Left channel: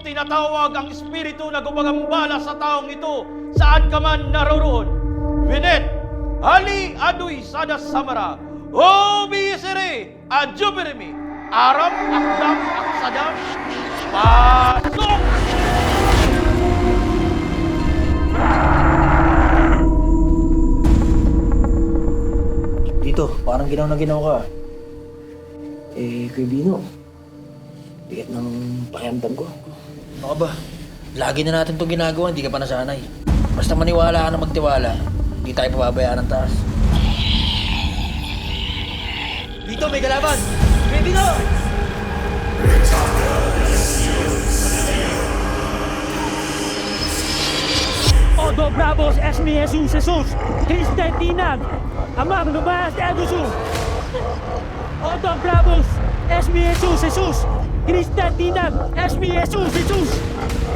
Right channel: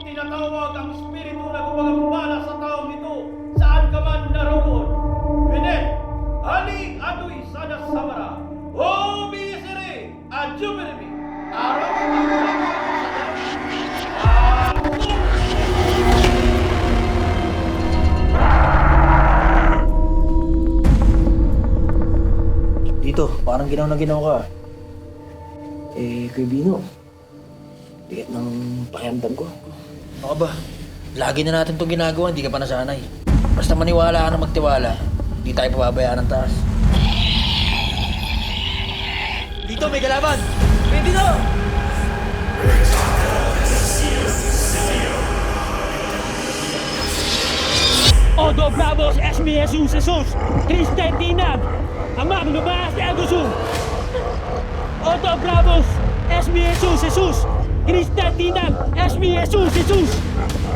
kong tinatawag ang espiritu na gumagambala sa taong ito, saan ka man naroroon. Binet, hali aduy sada samara, o bisire, adjuberemi, aram aklam at sadam, pasok! Dito, parang ginaw na ginaw ka. Kuya Bino, bigat ng pakiramdam ko. Ano ka ba? Lagi na natin itong ginagawa, hindi ka pa nasanay. Basta maniwala ka na magtiwala, hindi tayo pababayaan ng taas. Dito, may kalaban! Kuya Bino! Odo Bravos Esmi Jesus Jesus Kristentinag Amam Lumas Egusu Odo Bravos Esmi Jesus Jesus Kristentinag Esmi Jesus Jesus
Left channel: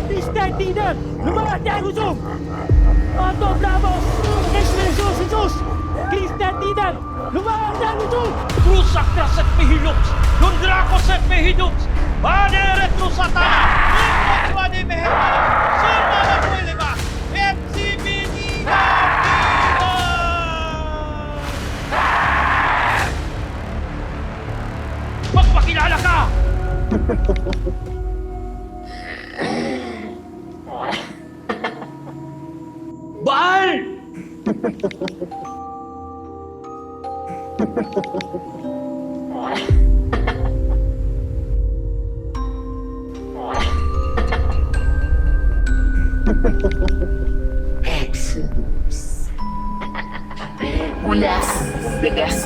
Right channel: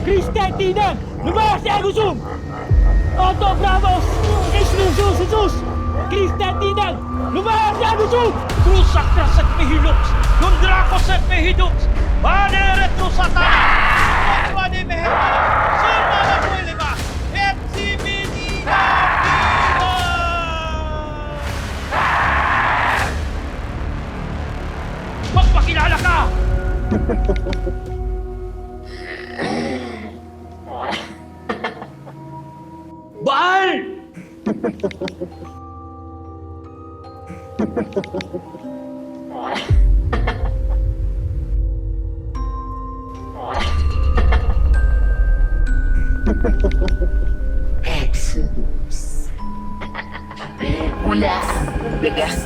Kristentinag Lumas Egusu Odo Bravos Esmi Jesus Jesus Kristentinag Lumas Egusu Trusak na sa pihilux, lundrako sa pihidux, bane retrusata, bane meheta, sirma na puwiliba, FCBD na viva! Magpakilala ka! Baal! Exodus. Mula sa bigas.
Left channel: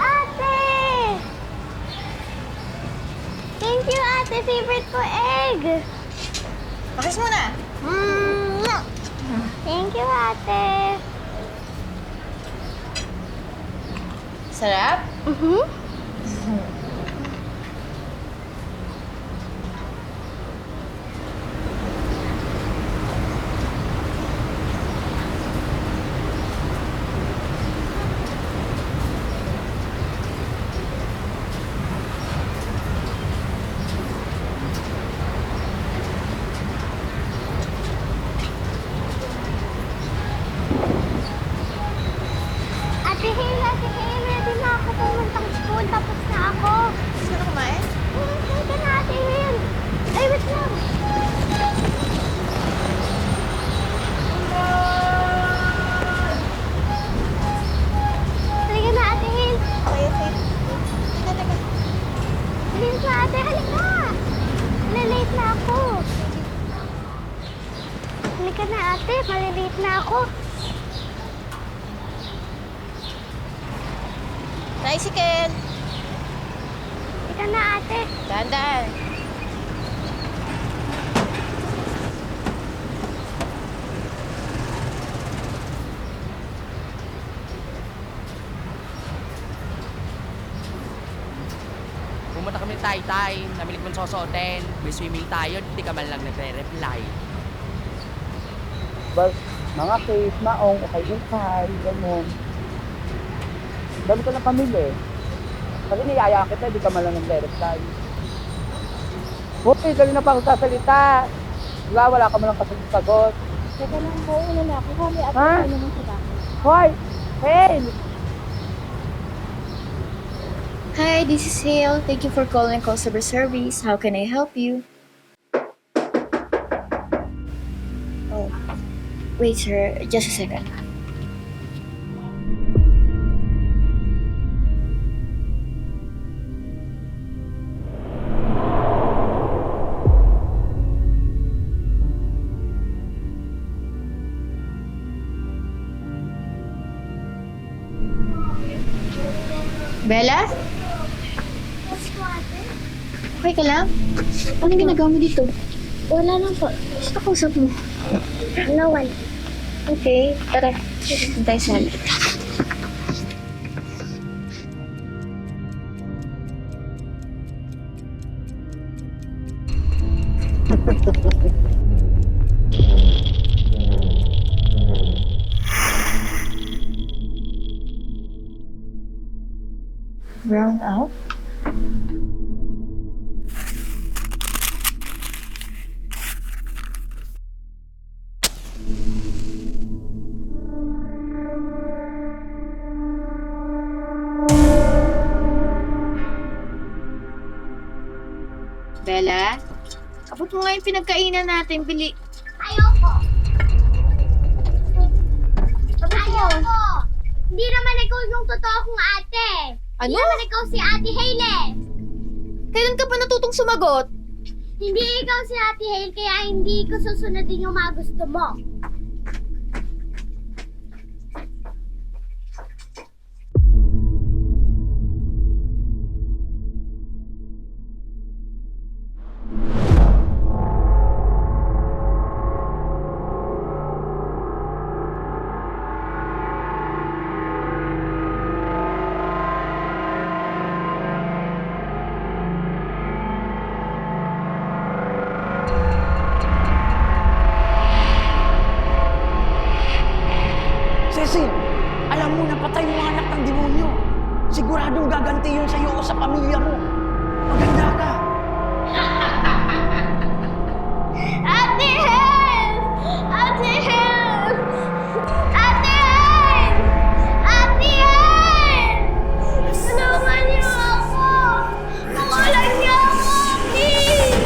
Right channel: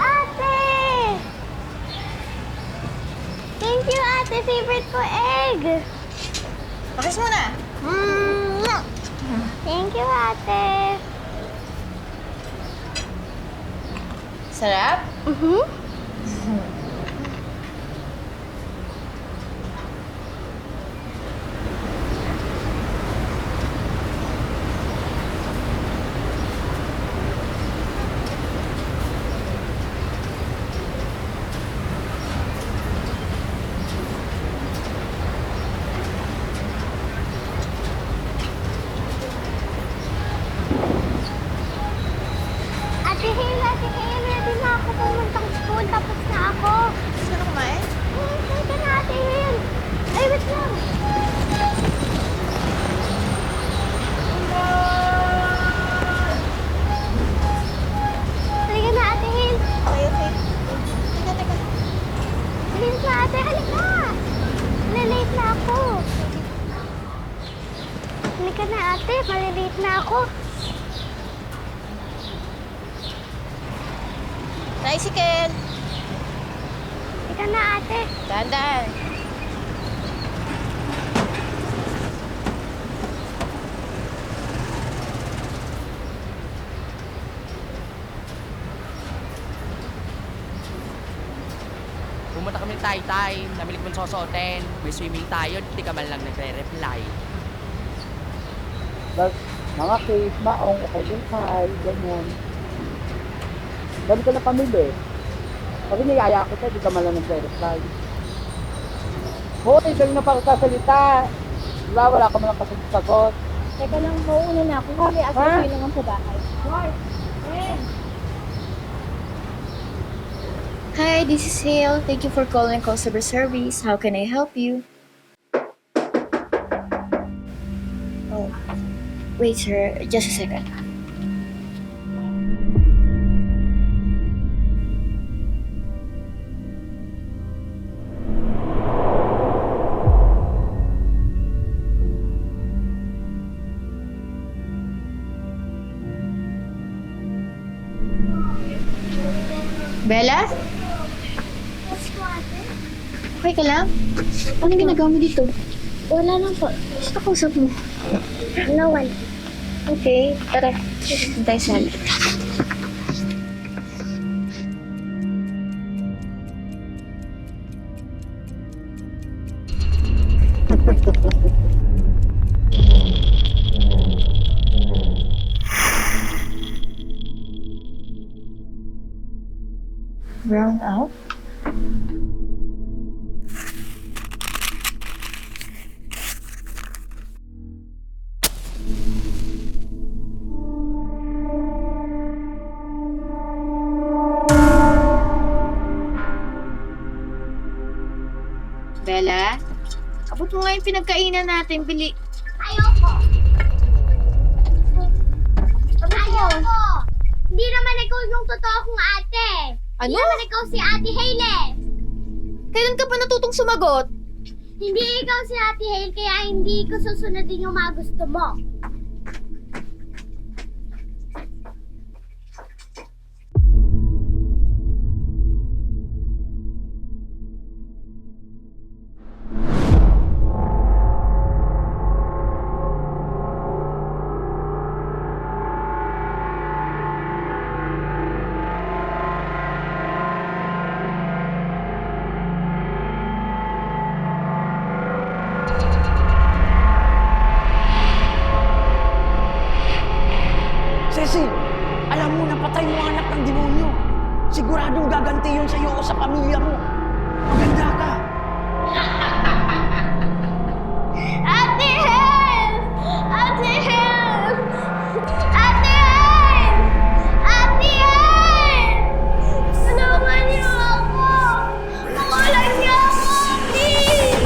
Ate! Thank you, ate. Favorite ko egg. Pakis mo na. Thank you, ate. Sarap? Ate Hail, ready na ako pumuntang school. Tapos na ako. Gusto na kumain? Halika na, Ate Hail. Ay, wait lang. Halika na, Ate Hail. Okay, okay. Teka. Bilis na, ate. Halika. Malilate na ako. Halika na, ate. Malilate na ako. Tricycle. Halika na, ate. Dahan-dahan. Pumunta kami ng Taytay, namili ko ng sosotin, may swimming tayo, hindi ka man lang nagre-reply. Mga case na ay inside, gano'n. Doon ko na pamili. Kasi niyaya kita, di ka man lang nagre-reply. Hoy, kayo na pang sasalita. Diba, wala ka man lang kasi sagot. Teka lang po, una na ako. Huli ako Ha? kayo naman sa bahay. Hoy! Hey! Hi, this is Hale. Thank you for calling customer service. How can I help you? Oh, wait, sir. Just a second. Bella? Okay ka lang? Ano ginagawa mo dito? Wala lang po. Gusto kausap mo. No one. Okay, tara. Doon tayo sa halip. Round out? Bella, abot mo nga yung pinagkainan natin. Bili. Ayoko. Ayoko. Hindi naman ikaw yung totoo kong ate. Ano? Hindi naman ikaw si Ate Hailey. Kailan ka pa natutong sumagot? Hindi ikaw si Ate Hailey, kaya hindi ko susundin yung mga gusto mo. Cecil, alam mo napatay mo ang anak ng demonyo. Siguradong gaganti yun sa'yo o sa pamilya mo. Maganda ka. Ate Hailey! Ate Hailey! Ate Hailey! Ate Hailey! Tulungan niyo ako! Mawalan niyo ako, please!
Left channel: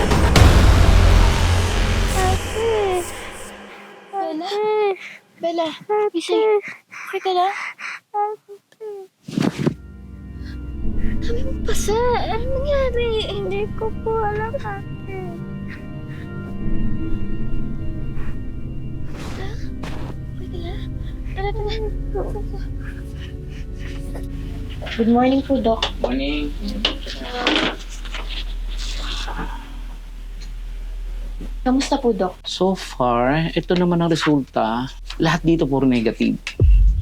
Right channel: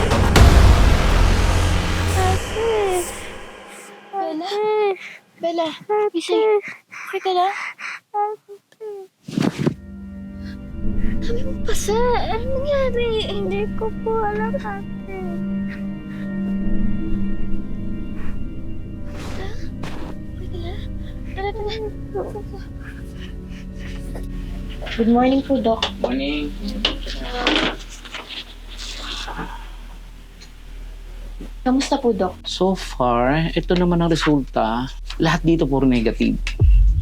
Bella? Bella, gising. Okay ka lang? Dami mong pasa. Ano nangyari? Hindi ko po alam, ate. Okay ka lang? Tara, tara. Good morning po, Doc. Morning. Kamusta po, Doc? So far, ito naman ang resulta. Lahat dito puro negative.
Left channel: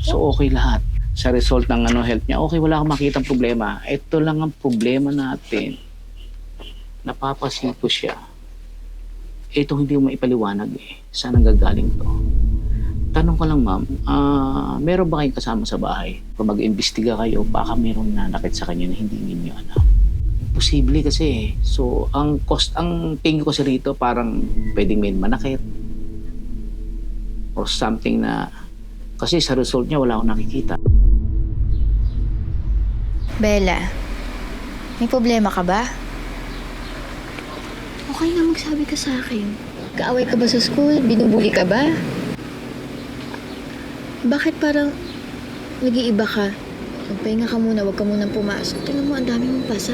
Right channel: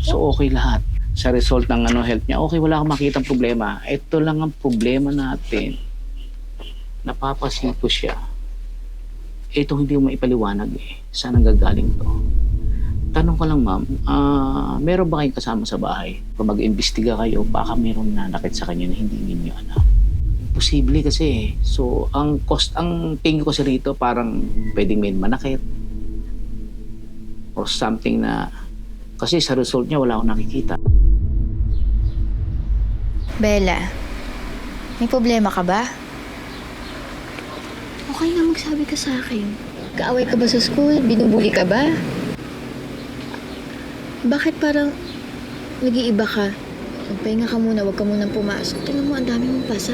So okay lahat. Sa result ng health niya, okay, wala akong makitang problema. Ito lang ang problema natin. Napapasipo siya. Ito hindi mo maipaliwanag eh. Saan ang gagaling to? Tanong ko lang, ma'am, meron ba kayong kasama sa bahay? Kung mag-imbestiga kayo, baka meron nanakit sa kanya na hindi ninyo alam. Posible kasi eh. So, ang tingin ko kasi rito, parang pwedeng may manakit. Or something na, kasi sa result niya, wala akong nakikita. Bella, may problema ka ba? Okay na magsabi ka sa akin. Kaaway ka ba sa school? Binubuli ka ba? Bakit parang nag-iiba ka? Magpahinga ka muna, huwag ka munang pumasok. Tingnan mo, ang dami mong pasa.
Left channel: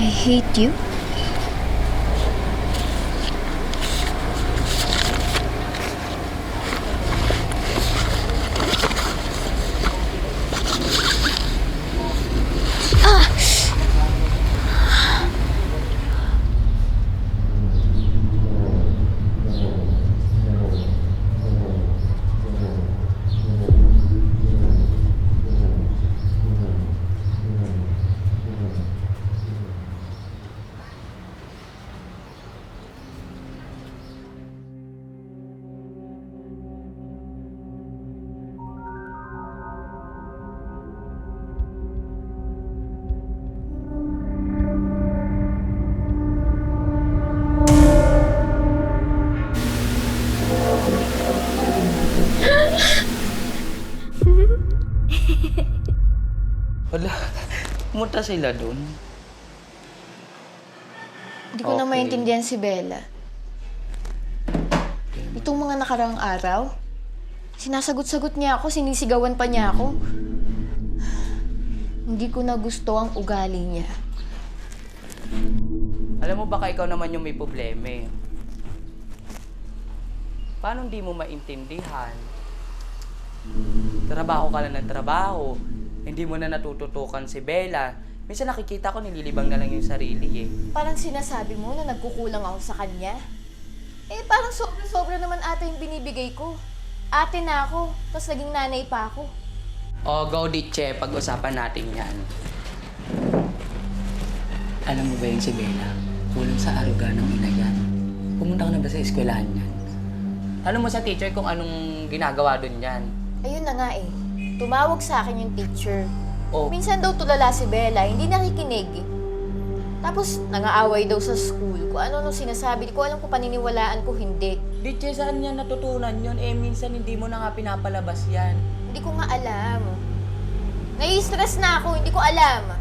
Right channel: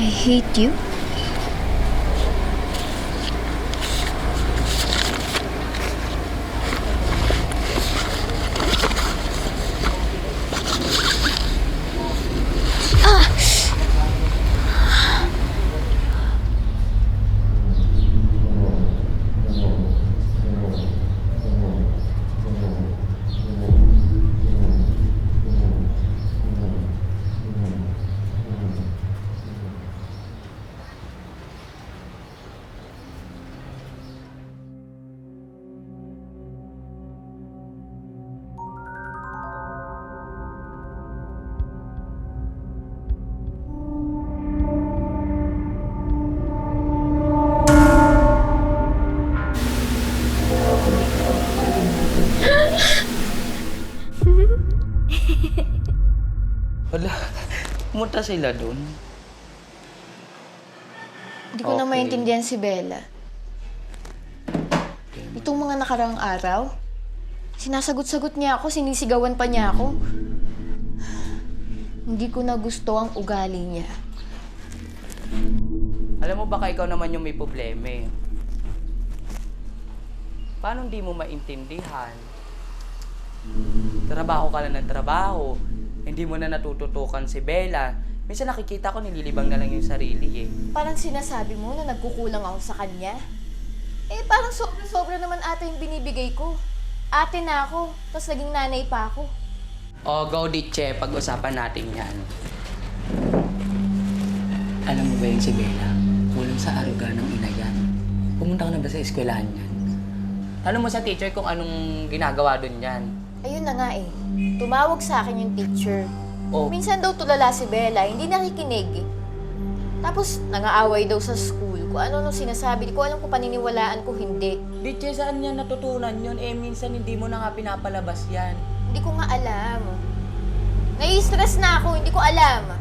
I hate you. pumunta sila dun? Hindi ko na Okay. maintindihan si Bella. Itong mga nakaraang araw, sinasagot-sagot niya ako, sinisigawan pa niya ako. Hindi ko na gusto ang ugali niya. Alam mo, baka ikaw naman yung may problema eh. Paano hindi mo maintindihan? Trabaho ka lang ng trabaho. Hindi mo na natututukan si Bella. Minsan nakikita ko nililibang na lang yung sarili eh. Parang sinasabi mo na nagkukulang ako sa kanya. Eh, parang sobra naman ata yung binibigay ko. Ate na ako, tapos naging nanay pa ako. O, go Ditche, pag-usapan natin yan. Alam mo ba yung si Bella? Kulang sa aruga ng ina yan. Pumunta ka na ba sa eskwelahan yan? Tanong mo sa teacher kung anong ginagawa dun yan. Ayun na nga eh. Tumawag sa akin yung teacher. Oh, Minsan daw tulala si Bella, hindi nakikinig. Tapos nangaaway daw sa school. Kung ano nung sinasabi, di ko alam kung paniniwalaan ko hindi. Ditche, saan niya natutunan yun? Eh, minsan hindi mo na nga pinapalabas yan. Hindi ko nga alam. Nai-stress na ako, hindi ko alam.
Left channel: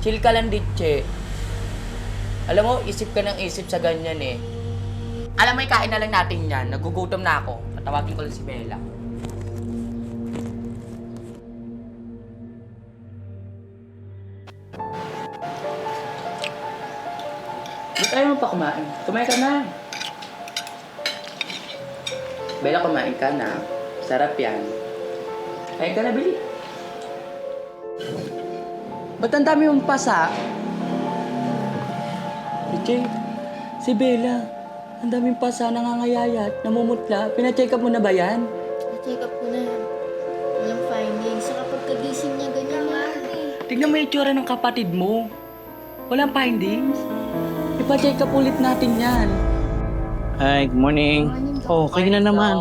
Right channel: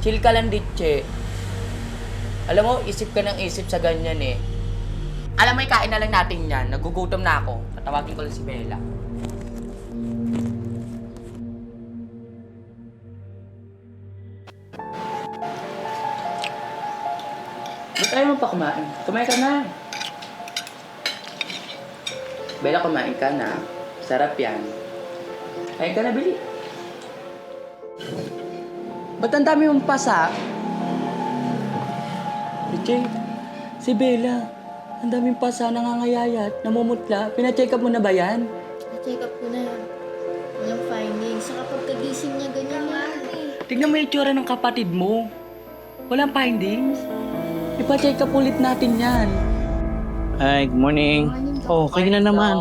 Chill ka lang, Ditche. Alam mo, isip ka ng isip sa ganyan eh. Alam mo, ikain na lang natin yan. Nagugutom na ako. Tatawagin ko lang si Bella. Ba't ayaw mo pa kumain? Kumain ka na. Bella, kumain ka na. Sarap yan. Kain ka na, Bili. Ba't ang dami mong pasa? Jay, si Bella, ang daming pasa, nangangayayat, namumutla. Pina-check up mo na ba yan? Na-check up ko na. Walang findings. Sa kapag kagising niya, ganyan na. Tignan mo yung itsura ng kapatid mo. Walang findings. Ipa-check up ulit natin yan. Hi, good morning. Oh, kayo na naman.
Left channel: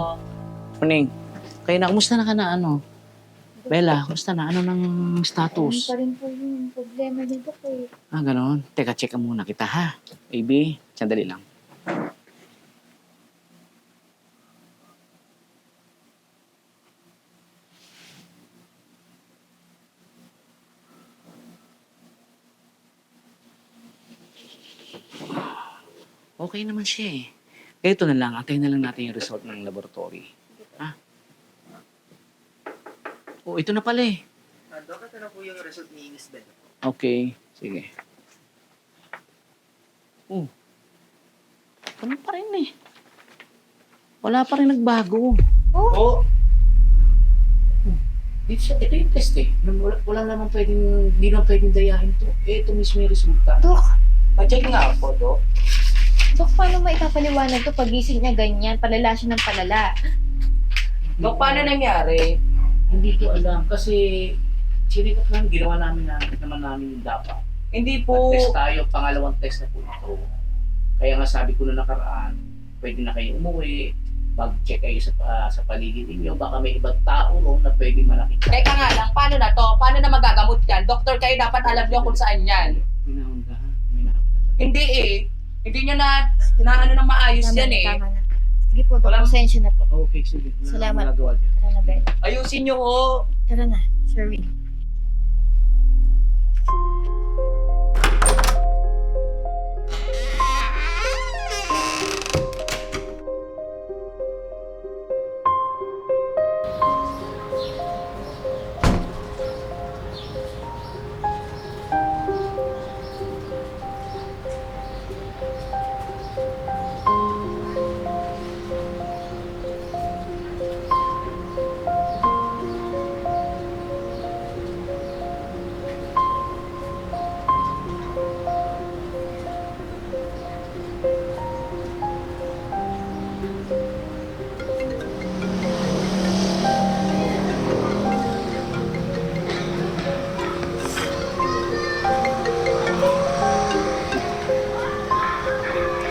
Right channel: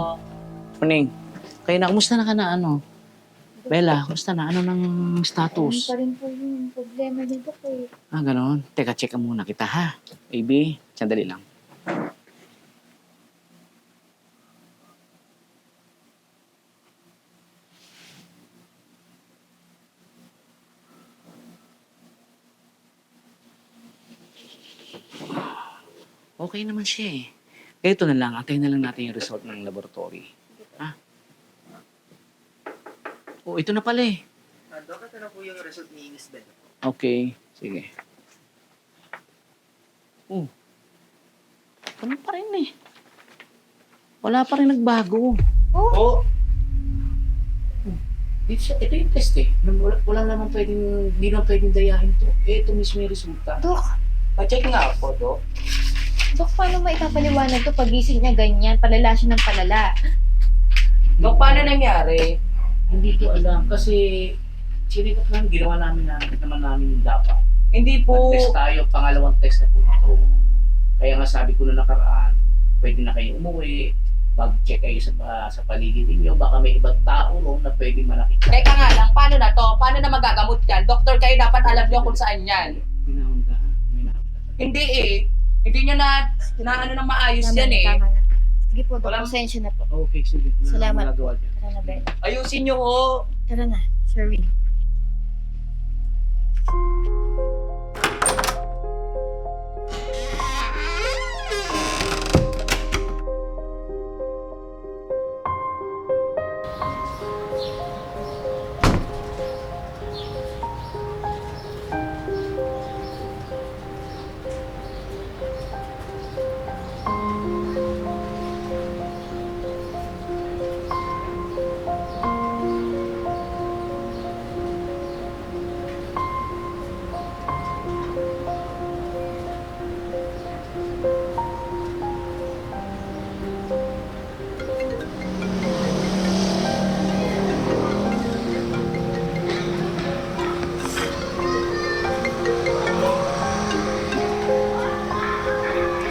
Morning. Kayo na, kumusta na ka na ano? Bella, kumusta na? Ano ng status? Pa rin po yung problema dito ko eh. Ah, gano'n. Teka, check muna kita ha. Baby, sandali lang. Okay naman siya eh. Ito na lang, antayin na lang natin yung result ng laboratory. Ha? Oh, ito na pala eh. Dok, ito na po yung result ni Miss Bella. Okay, sige. Oh. Ano pa rin eh. Wala pa rin nagbago. Oh! Ito yung test eh. Wala naman pwedeng, hindi naman pwedeng dayahin to. Ito mismo yung resulta. Dok, Pa-check nga ako, Dok. Dok, paano maipapaliwanag to pagising niya ganyan? Palala siya ng palala. Dok, paano nangyari? Hindi ko alam kasi sinikot namin, ginawa namin namin yung dapat. Hindi po... Nag-test tayo, pangalawang test na po ito. Kaya nga sabi ko na nakaraan, pwede na kayo umuwi, mag-check kayo sa paligid ninyo, baka may ibang tao ron na pwede manakita. Teka nga lang, paano na to? Paano na magagamot yan? Doktor, kayo dapat alam nyo kung saan yan. Minahunda ha? Hindi eh. Hindi nyo na ano na maayos yan eh. Tama na. Sige po, Dok. Walang- Pasensya na po. Okay, sige. Wala Salamat akong magagawa po. dyan. Tara na, Bella. Ayusin nyo ho. Tara na, sorry.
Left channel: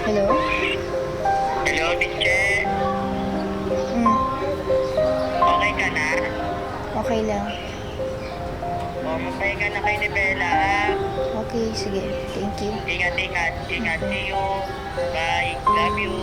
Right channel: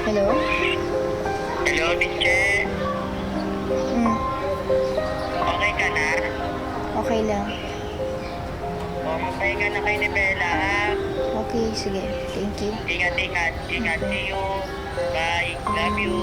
Hello? Hello, Bitche. Okay ka na? Okay lang. O, magpahinga na kayo ni Bella, ha? Okay, sige. Thank you. Ingat, ingat. Ingat. See you. Bye. Love you.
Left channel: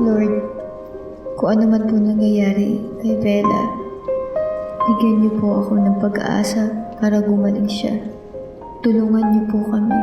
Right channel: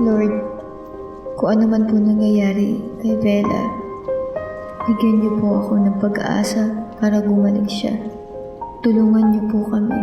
Lord, kung ano man po nangyayari kay Bella, bigyan niyo po ako ng pag-asa para gumaling siya. Tulungan niyo po kami.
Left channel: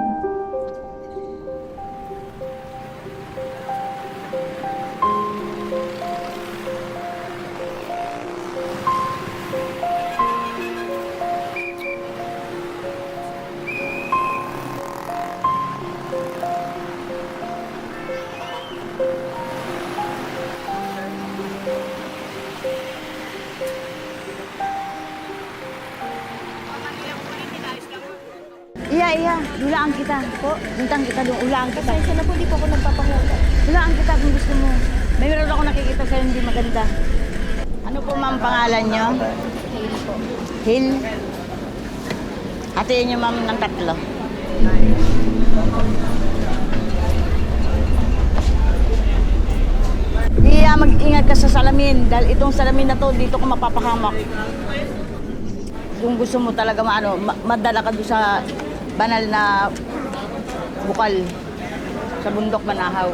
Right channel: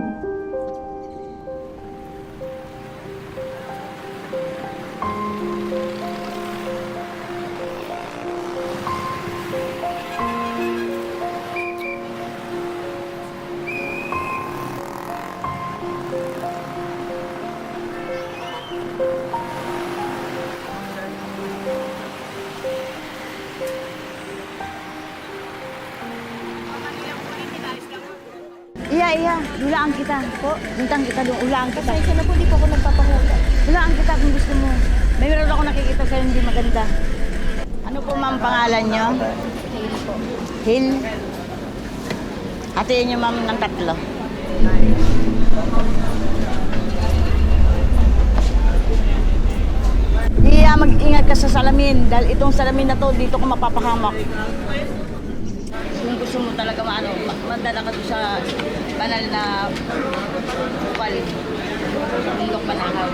Iya, hulaan kita. Po, bintang kita doon, hulaan kita. Pasensya na po, di po ako nagpapahula. Hulaan kita kung gusto mo. May meron ako nakikita sa'yo hindi maganda. Ano po ma'am pangalan nyo? Hail po. Hill. Hatiin nyo ma'am ng 3. Iya, mag-ingat ka sa salamin dahil itong salamin na to, dito ko mapapahamak. Kung gusto mo talaga madala ka doon sa banal na bukal sa bundok Manahaw.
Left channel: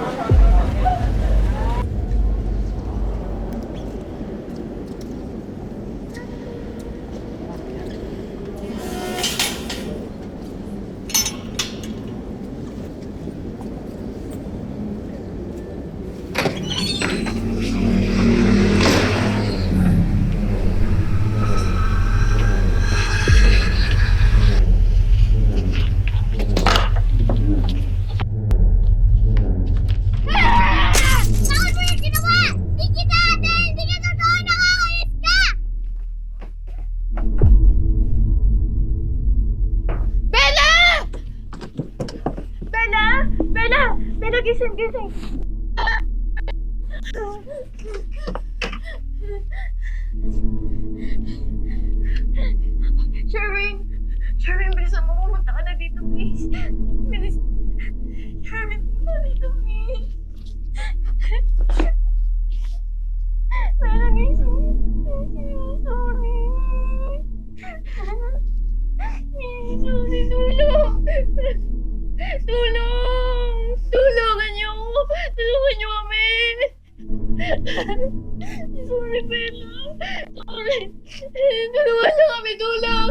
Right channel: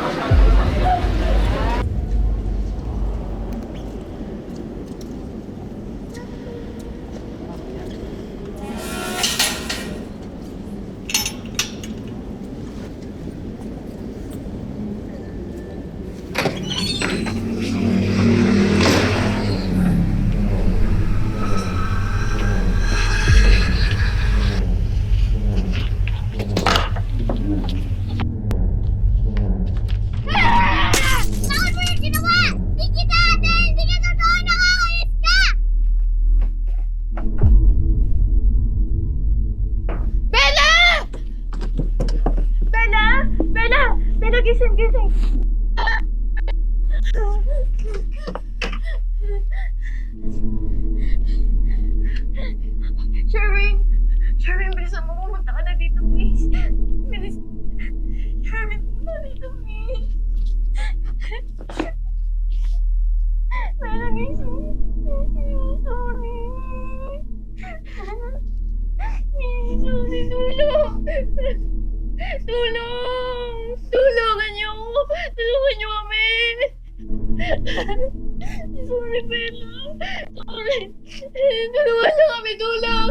Bella, gising. Sherwin, bilisan mo. Pumunta ka na dito, please. Bilis. Sherwin, pumunta dito, please. Bella, gising. Sorry. Tulungan niyo ako. Tulungan niyo kami. Sorry, Bella. Sorry. Tulungan niyo kami. Tulong!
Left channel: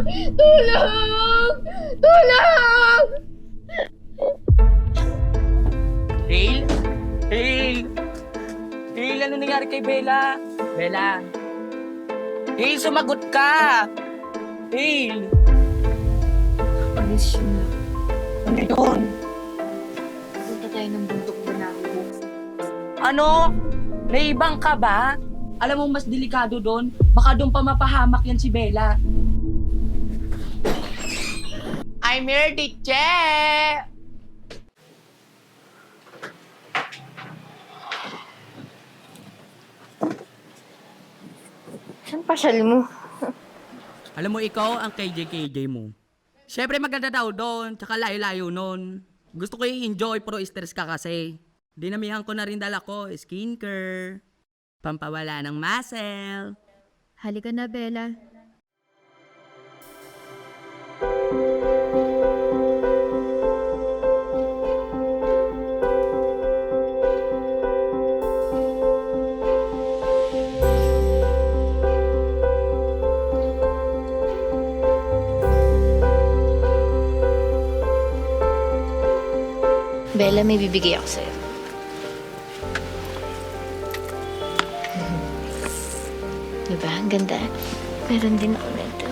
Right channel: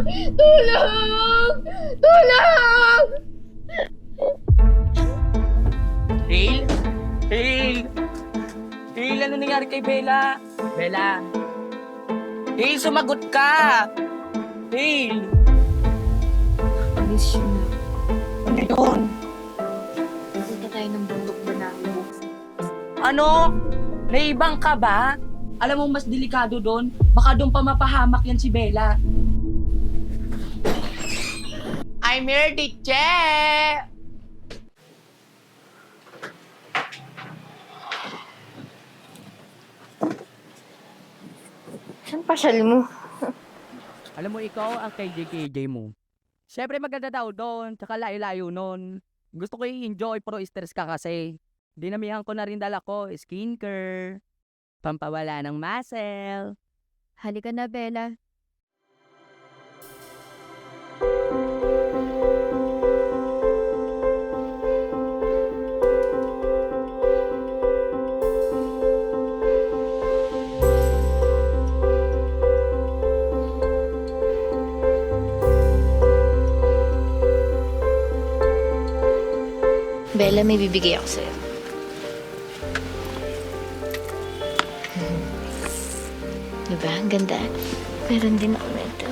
Hail, ano nangyari kay Bella? Bella. Hail, sumagot ka! Hail! Please, na. Ano yun? Punta tayo ng bundok Manahaw. Ano? Naibang ka ba? Alam mo, mas delikado doon. Baka doon pa mapahamak yan si Bella. I'm here, Diche! Saan pasyal mo? Alam mo, ikaw ang KJ mo. Siyempre maganda daw doon, tsaka layo-layo nun. Gusto ko i-enjoy pero stress ka kasi. Dinamihan ko na rin dala ko, skincare, pampawala ng muscle. Halika na, Bella. Bella, may bibigay ako sa'yo. Diba? Ang ganda. Meron din ako nito.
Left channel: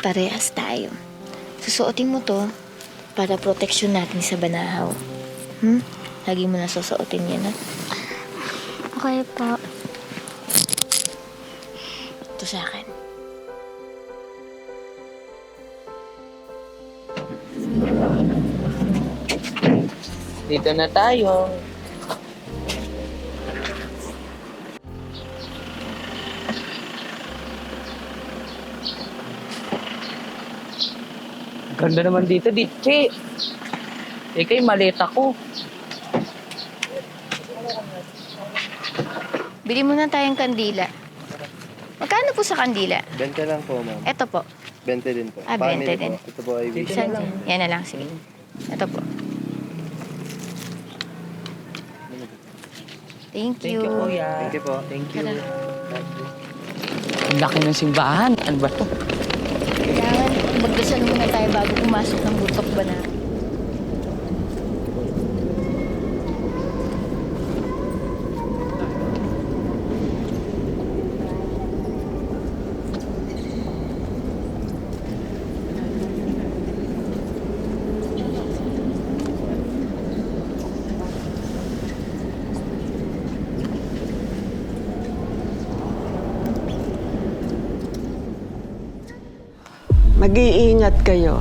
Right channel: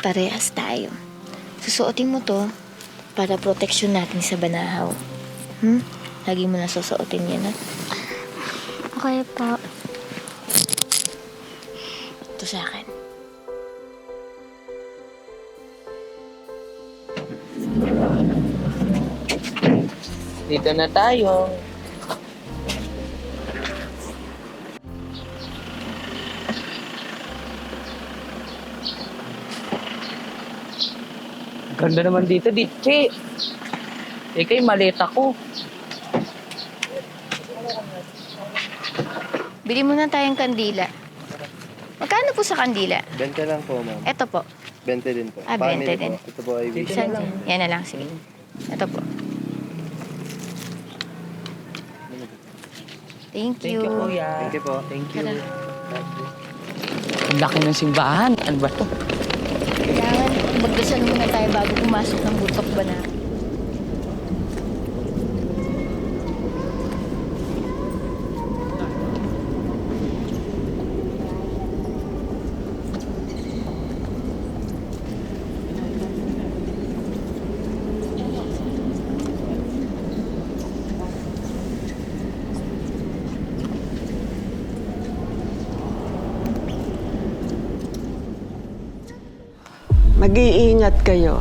Parehas tayo. Susuotin mo to para proteksyon natin sa Manahaw. Lagi mo na susuotin yan, ha? Okay po. Ito sa akin. Dito na tayo. Ganda naman dito, Diche. Ika'y maleta ko. Bili muna tayong kandila. Magkano po sa kandila? 20 lang po, ma'am. Ito po. 20 din po. 20 Family din. po. Ito po ay Yan, yan na lang. Sige. Ito po. Thank Thank you. you, kuya. Thank you po. Thank you. Tara. Ang laki ng simbahan. Ano ba to? Kailangan magdasal muna tayo bago pumasok ng butok ba na. Mag-iingat kayo.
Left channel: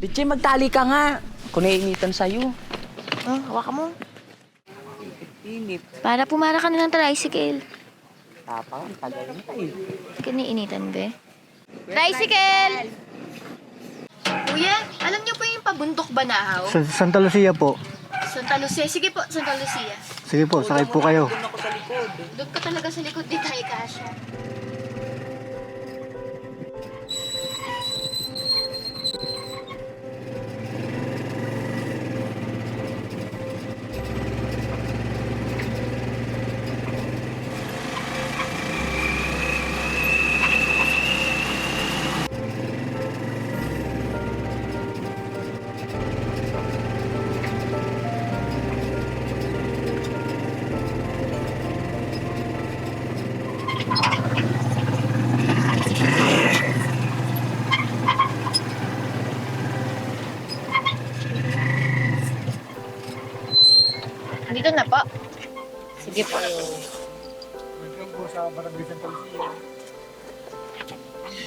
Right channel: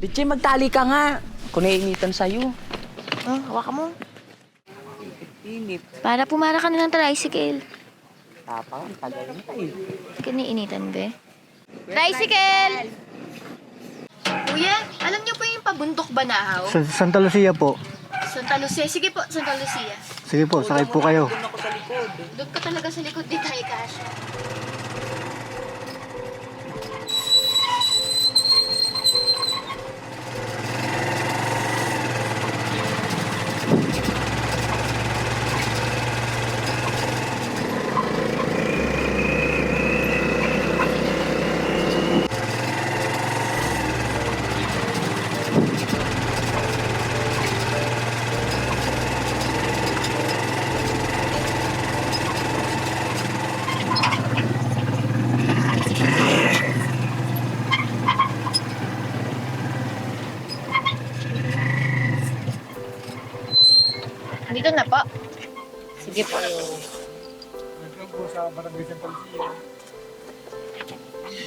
Bitchay, magtali ka nga. Kung naiinitan sa'yo. Oh, hawakan mo. Init. Para pumara ka na ng tricycle. Tapang, tagal na eh. Kiniinitan ba? Tricycle! Kuya, alam niyo po yung pabundok Banahaw? Sa Santa Lucia po. Santa Lucia. Sige po, Santa Lucia. Sige po, sakay po kayo. Doon ako sa likod. Doon ka talaga sa likod, di tayo kasya. Dito na po. Sige po. Welcome po sa Barangay Santa Lucia.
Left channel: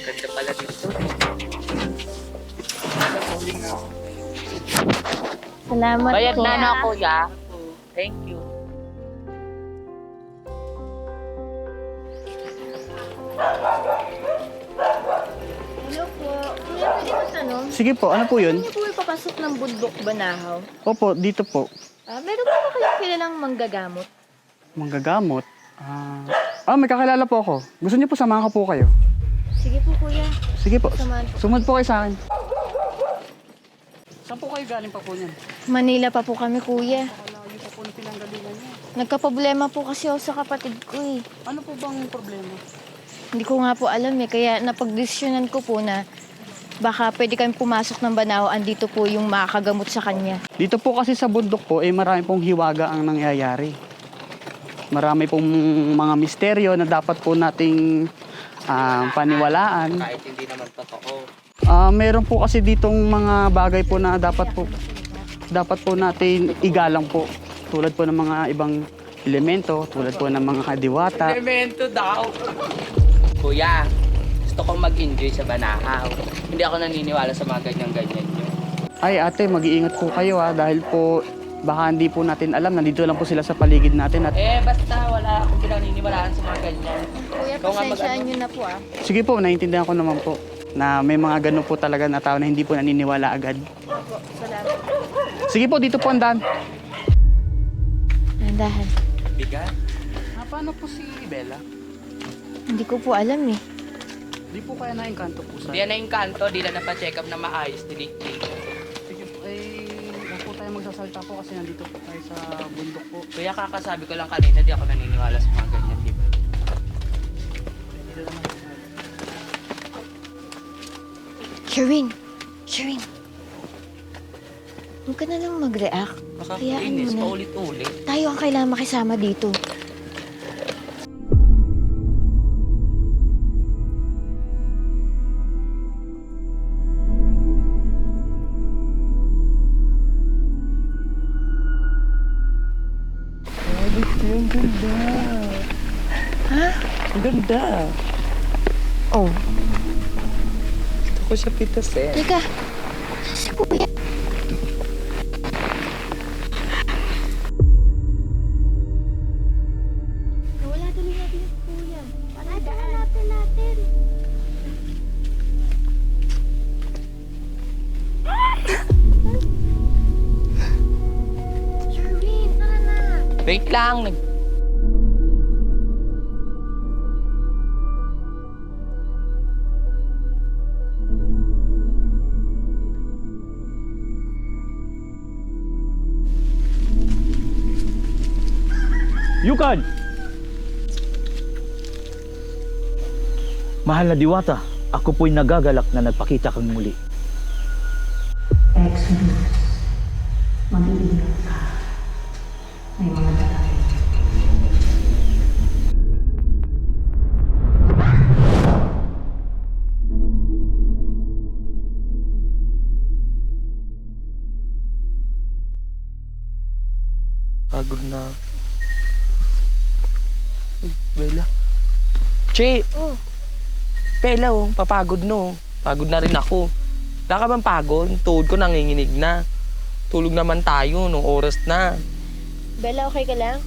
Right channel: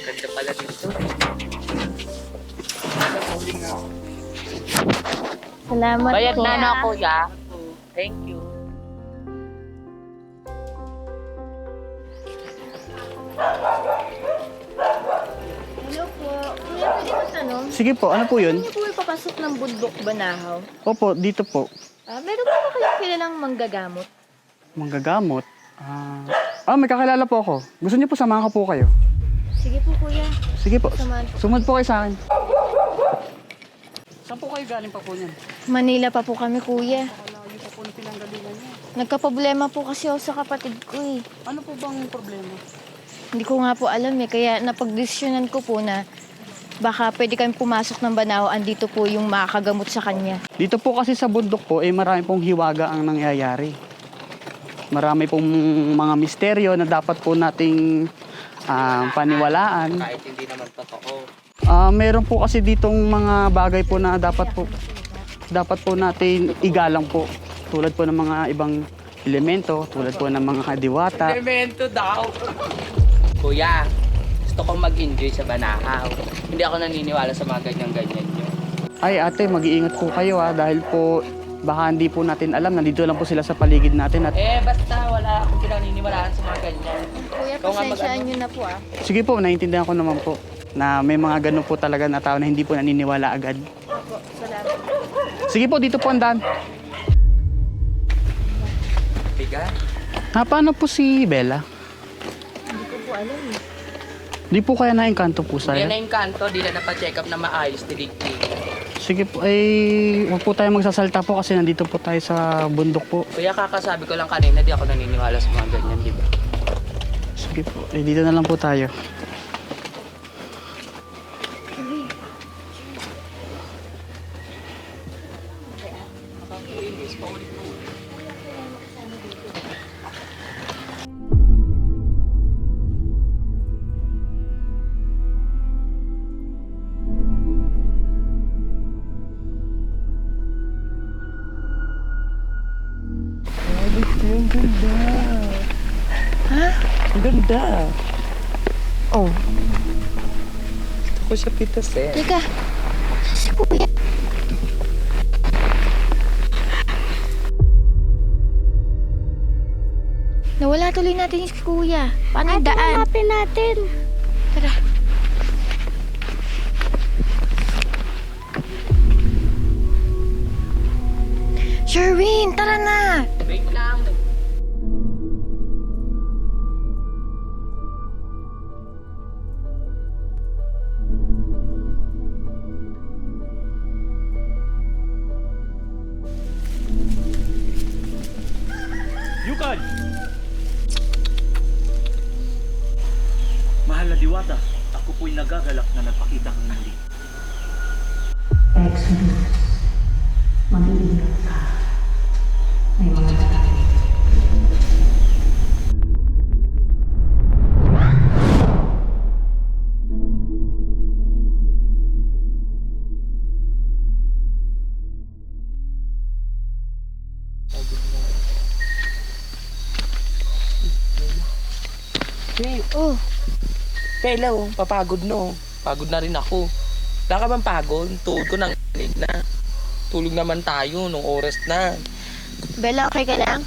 Ganda pala dito. Salamat Bayad po. na na, kuya. Thank you. Hello po. Kuya, pwede ko tanong? Sige po, ano po yun? Hindi po ipapasok ng bundok Banahaw. Opo, dito po. Meron po ba kayong kilalang manggagamot? Manggagamot. May kakilala po ako. Gusto niyo po samahan ko po kayo? Sige po, kuya. Sige po. Samahan po. Sumunod po kayo sa akin. Saan po kayo galing pa po niyan? Manila pa po kami, kuya. Malayo pa po na pinanggalingan niya. Nagkaproblema po kasi ako sa kapatid ko eh. Ano po bang problema? Hindi ko nga po alam eh. Kaya napagdesisyonan ko po na baka pwede kami pumasok ng Banahaw. Andito po yung makakagamot sa kanya. Dito po kasi sa bundok po, marami pong hiwaga ang nangyayari. Marami pong mga misteryo na dapat po nating paniwalaan. Kahit hindi naman totoo. Meron po kasi ditong mga bagay po na dapat po natin igalang po. Tulad po ng mga ibang elemento, tulad po ng mga diwata. Elemento daw. Kuya, gusto kong mag-enjoy sa Banahaw. Hindi ako naniniwala sa mga ganyan-ganyan nyo. Ay ate, mag-iingat po kayo dahil po baka hindi po natin alam, nandito lang po sila sa paligid natin. At Basta wala akong pinaniniwalaan sa mga ganyan. Kuya, Ikaw nga pasensyaan mag-ano? nyo na po sige po, naiintindihan ko naman po na may mga ganun po talaga na tao na hindi po naniniwala agad. Opo, salamat. Sige po, dito po ang daan. Nandahan. Miga? Paano po si Bella? Hindi ko po alam eh. Di po kaya na-engkanto po Hindi sa'yo? na yung kanto, di na napacheck up na maayos, tilig-tilig. Sige po, huwag po tayo magsasalta po kasi nandito po tayo sa bundok po. Kuya, kakasabi ko lang kanina, di ako naniniwala sa mga ganyan, di ba? Sige po, dito na lang po tayo. Sherwin! Sherwin! Huwag ka na lang mag-react. Hayaan Makakainis, mo na. paulit-ulit. Tayo ang kailangan makisama dito. Ang ganda. Ha? Ang ganda. Oh. Gusto ko siya pitasin. Teka. Si Kuya. Nawala tuloy natin si Kuya. Paano yung daan? Hanapin natin. Tara. Sherwin, tara na! Wait lang, Yukan! Mahal na Diwata, ako po'y nagagalak na nagpakita kang muli. Exodus. Mag-iingat ka. May mga darating. Pagod na. Bella. Che! Oh. Bella, oh. Papagod no. Pagod na rin ako. Wala ka bang pagod? Tuhod ko nanginginig na. Tulog naman tayo nung oras na. Bella, okay ka lang?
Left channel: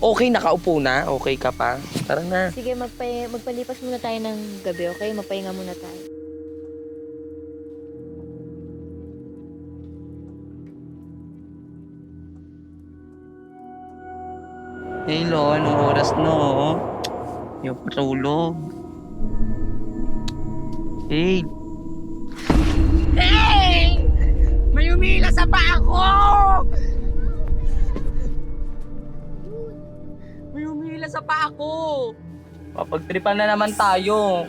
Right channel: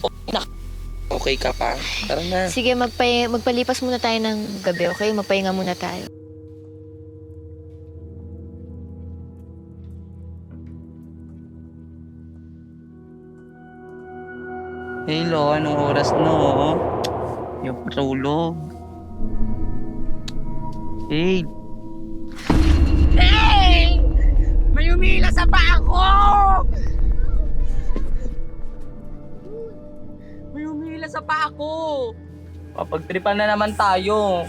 Okay, nakaupo na. Okay ka pa. Tara na. Sige, magpalipas muna tayo ng gabi, okay? Magpahinga muna tayo. Hello, anong oras no? Yung patulog. Hey! Hey! May umila sa paa ko! May umila sa paa ko! Papagtripan na naman tayo.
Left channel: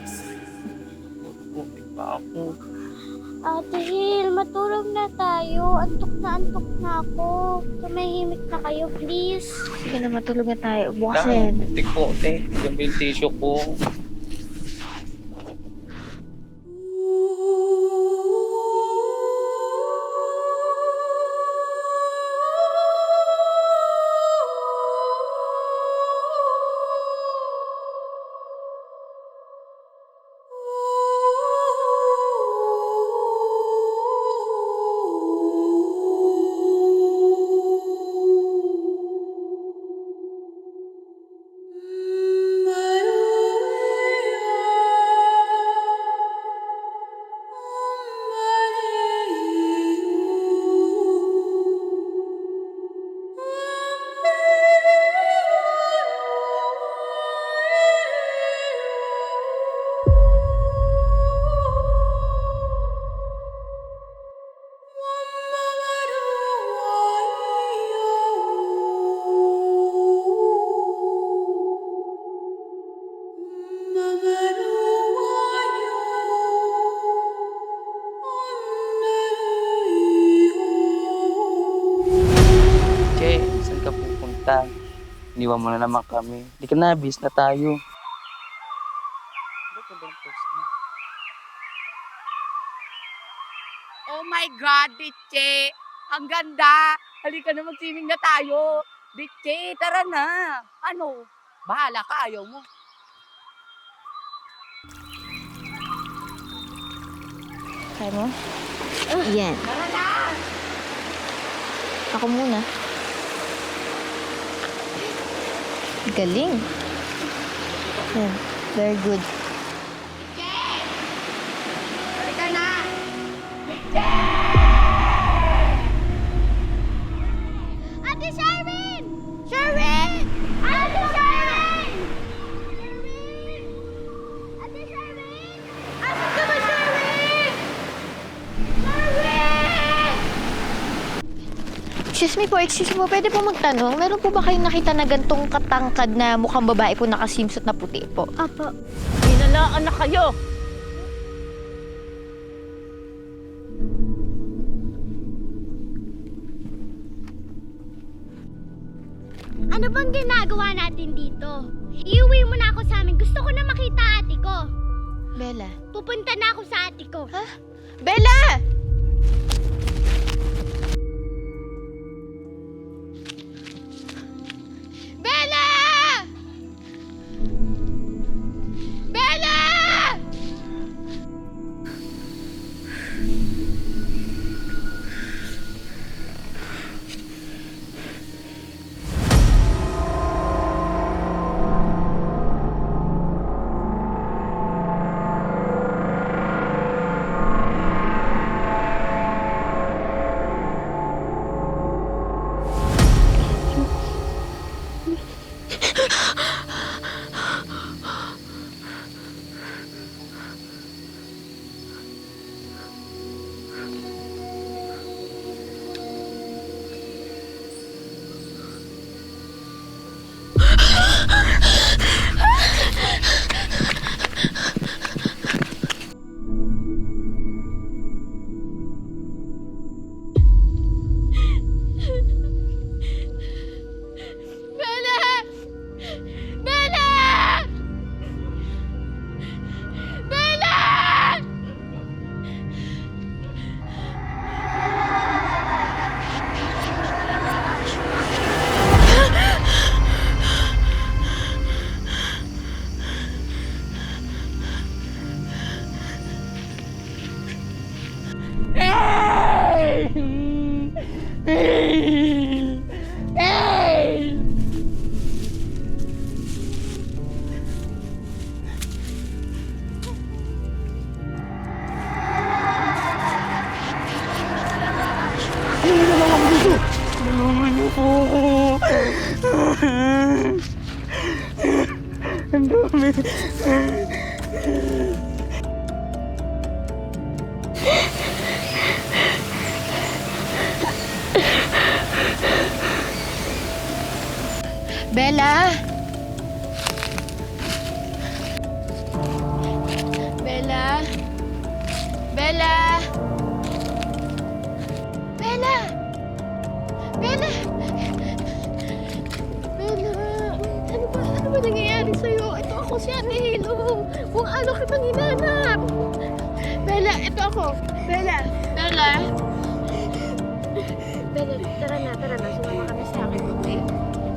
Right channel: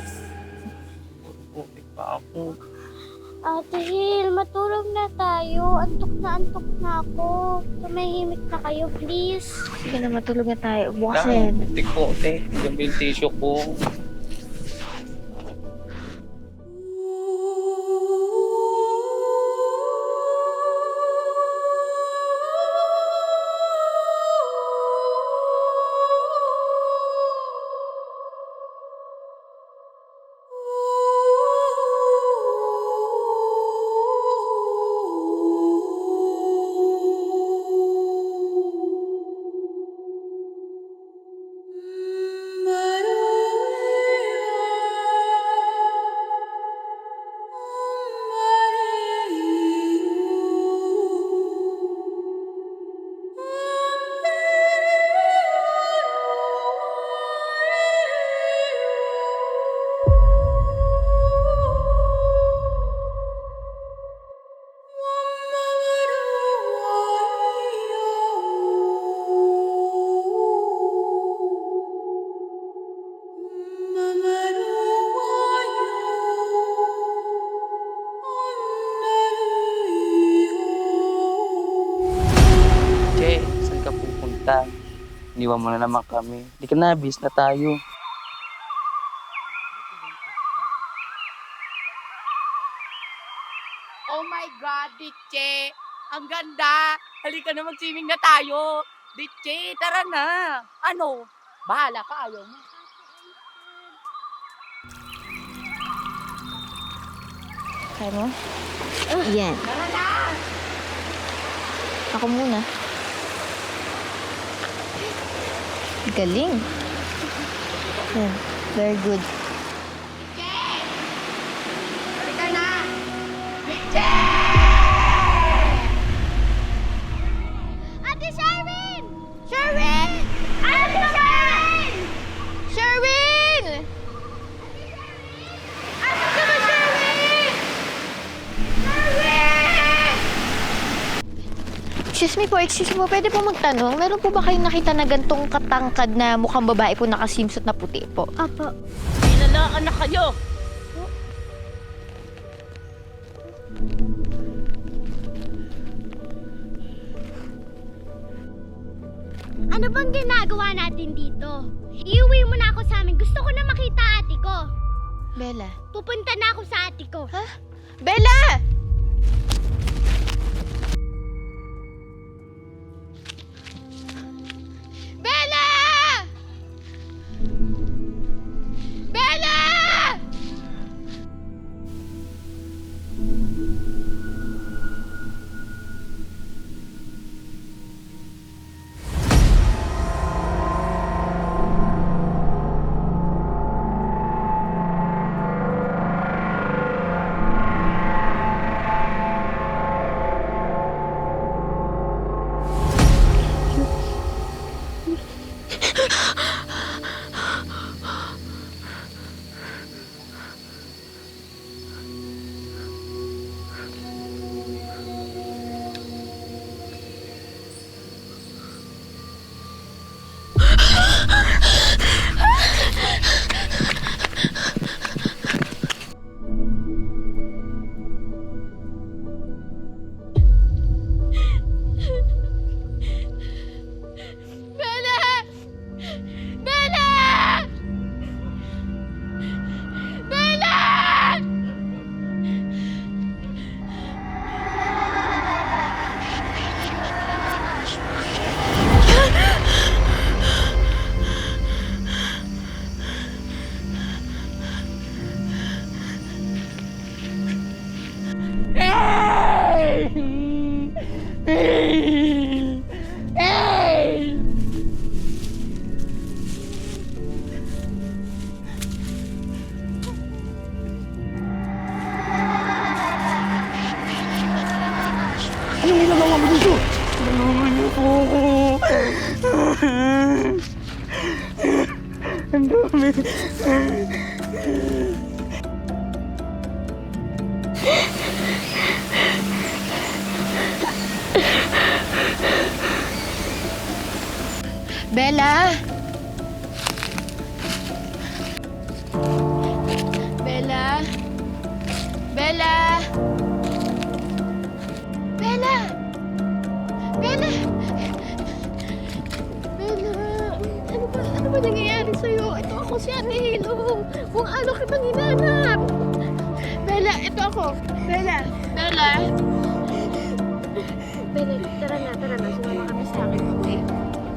Putik pa ako. Ate Hil, matulog na tayo. Antok na ako. Tumahimik na kayo, please. Sige na, matulog na tayo. Bukas na yan. Putik po, te. Yung tissue ko. Che, saan ka pupunta? Iniwan mo na naman kami. Hindi ka na, bis na tayo. Oh my God, Ditche! Ang ganda! Halika na mag-swimming na tayo! Ditche, tara na! Ano? Bahala ka, ayaw mo. Kaya mo? Yan. Tara na! Ako muna. Galing. Yan. Very good. Halika na! Ate Sherwin! Sherwin! Ate Sherwin! Sherwin! Asan ka ba, Sherwin? Sherwin! Excuse me po, pwede po magtanong? Meron po ba kayong nakita na gantong katangkad na mukhang babae po nakasimsot na puti po? Apo. Pinalaan na kayo. Ano bang ginagawa natin dito? Iuwi mo na ako sa amin. Gusto ko na makita ate ko. Bella. Pupunta na ako sa ate ko. Ha? Bella! Bella! Bella! Ang dami. Bella! Bella! Bella! Bella! Bella! Bella! Ano ba nangyayari sa'yo? Ito ako si Ate Hilo. Kung ano kitang hinanap. Bella, ito ako. Bella! Bella! Bella, tara na. Sumama kami sa akin, okay?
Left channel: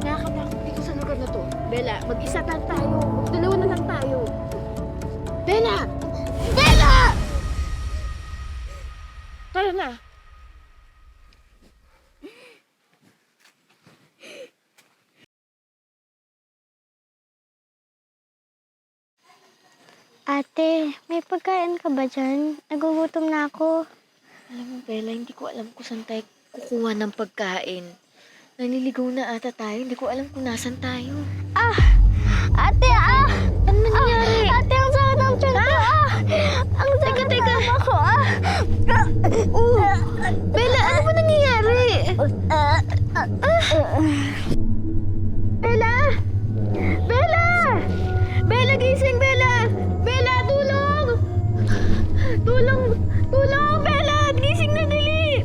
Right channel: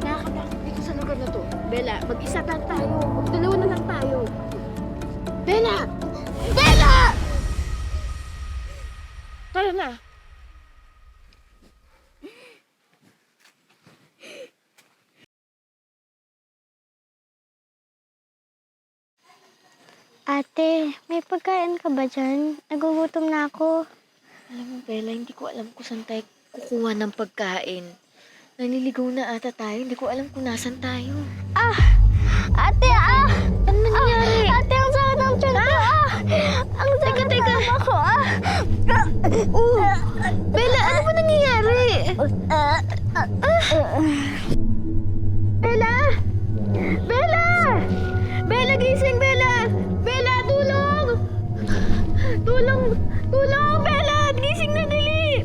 Nakakatakot dito sa lugar na to. Bella, mag-isa lang tayo. Magdalawa na lang tayo. Bella! Bella! Tara na. Ate, may pagkain ka ba dyan? Nagugutom na ako. Alam mo, Bella, hindi ko alam kung saan tayo kukuha ng pagkain. Naliligaw na ata tayo. Hindi ko alam kung nasan tayo. Ate, Ano nangyari? Ate, ang sakit ng tiyan ko, Ang sakit ng ako, Bella, ano ba nangyayari? Bella! Bella! Bella, gising, Bella! Bella, tulong! Tulong, Bella! Gising na, dali!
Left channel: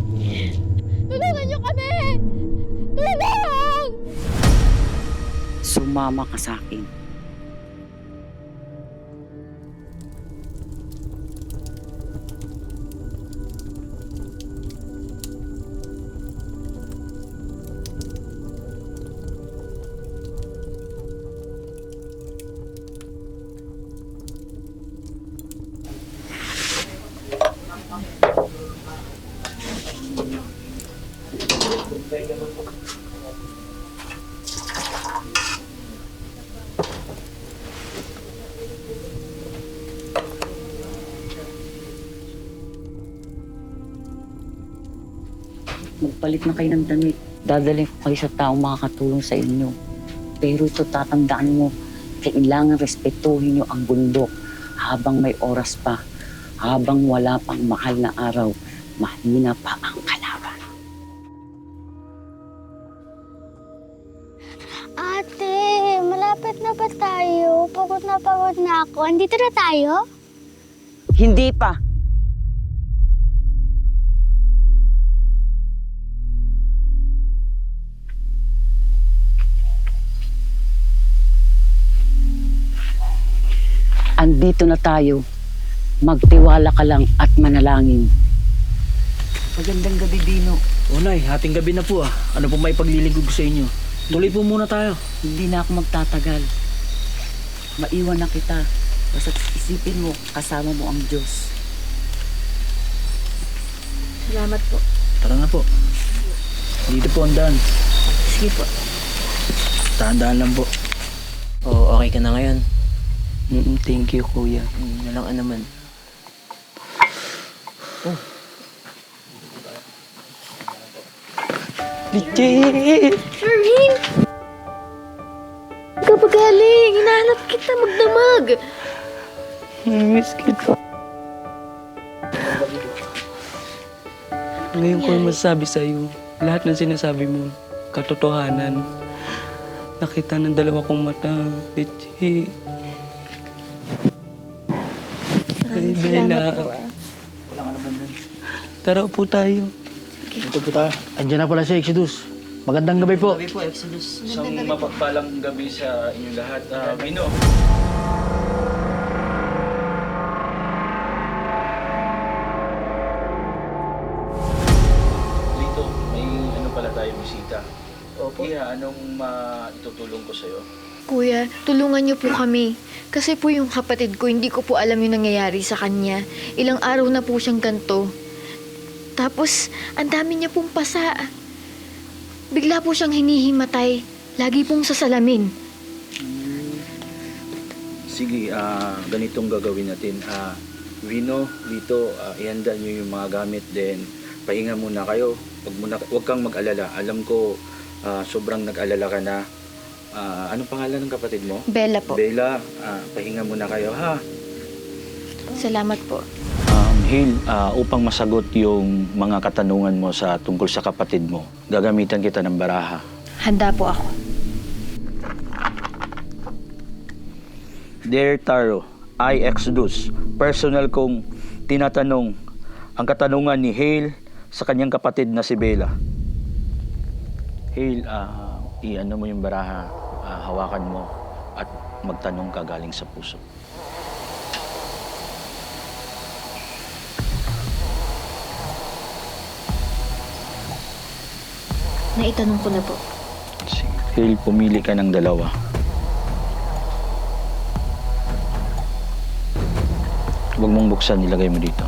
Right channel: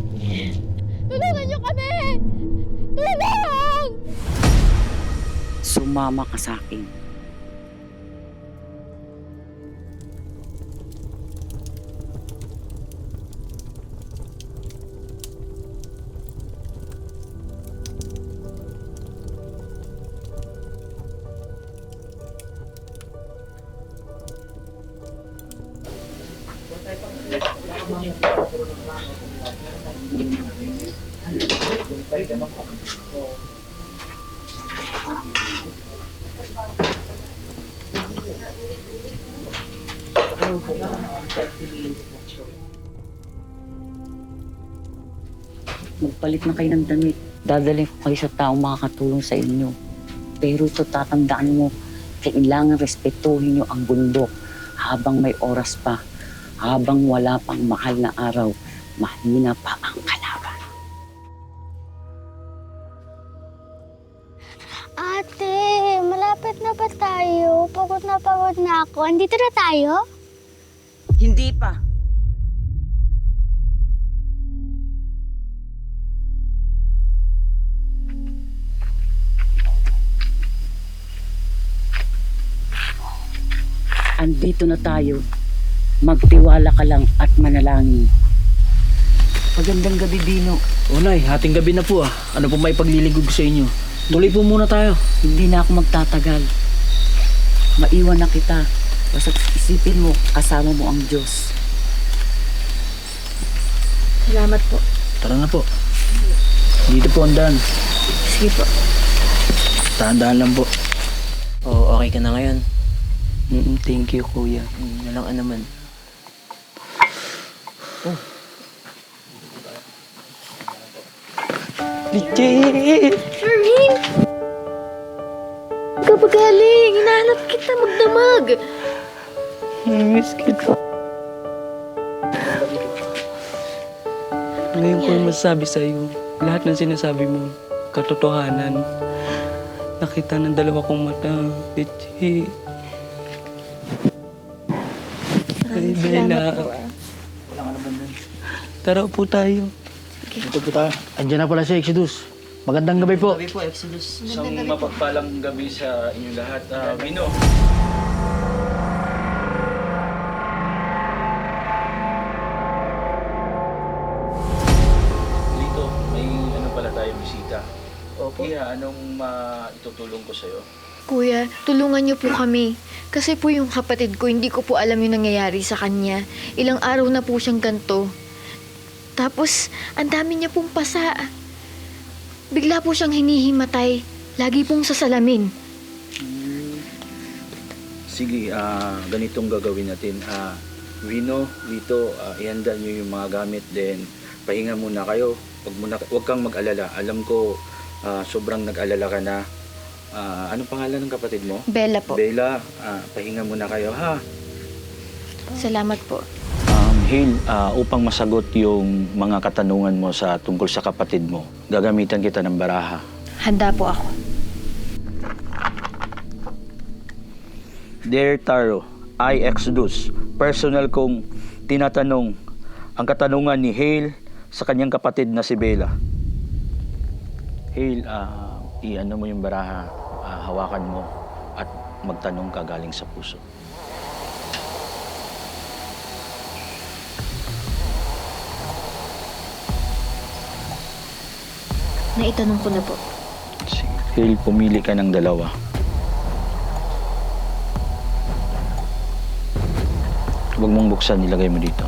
Tulungan niyo kami! Tulong! Sumama ka sa akin. Magpalit na kayo ng damit. Dadalhin ko kayo sa taong makakatulong sa inyo. Pero ito tatandaan mo, kailangan respetuhin nyo ang bundok habang may oras pa. Habang wala pang mahal na araw, mahina pa ang kalaban. Ate, malapit na ba tayo? Pagod na ako. Andito na tayo? Hindi pa. Andito na tayo. Magtiwala ka lang at manalangin. Magandang gabi, Dino. O Nay, hating gabi na po Ano po may paglilingkod ko sa inyo? Tuloy po muna tayo. Hindi na ako magtatagal. Maiwan na kita. Basta isipin mo, kasama mo ang Diyos. Salamat po. Tara na po. Dito po ang daan. Sige po. Dahan-dahan lang po. Oo, okay ka na ngayon. Thank you, Kuya. Walang naman. Legit! Sherwin! Kapag galing, hinahanap kita magdamag. Miss kita. Ngayon ko yung masasabi sa'yo, lahat ng sinasabi mo, katotohanan. Nakita ng dalawa kong mata, Legit. Ay, Bella. Wala ka naman dun. Tara po tayo. Dito po tayo. Andiyan na pala si Exodus. Magandang gabi po. Gabi po, Exodus. Isang mapagpalang gabi sa inyong lahat. Vino. Lito, may ano pala tayo bisita. Opo. Iya, anong itutulong ko sa'yo? Kuya, tulungan niyo po kami. Kasi po yung kapatid ko, hindi ko po alam yung nangyayari sa kanya. Ilang araw na po siyang ganito. Tapos, ang dami niya pong pasa. Bigla po siyang hinihimatay. Lagi pong sa salamin. Sige, ganitong gagawin natin. Vino, Lito, ihanda nyo yung mga gamit. Then, pahinga muna kayo. Huwag kang mag-alala. Alam ko, sobrang nag-alala ka na. Anong pangalan ng kapatid mo? Bella po. Bella, pahinga muna kayo ha. Salamat po. Hale, upang masagot yung mga katanungan mo tungkol sa kapatid mo, gagamitan kita ng baraha. Handa po ako. Dear Taro, I Exodus, personal kong tinatanong ang katanungan ni Hale sa kanyang kapatid na si Bella. Hale, i-ano mo yung baraha, hawakan mo at magtanong ka galing sa puso. Naitanong ko na po. Hale, pumili ka ng dalawa. Huwag mong buksan, ilagay mo dito.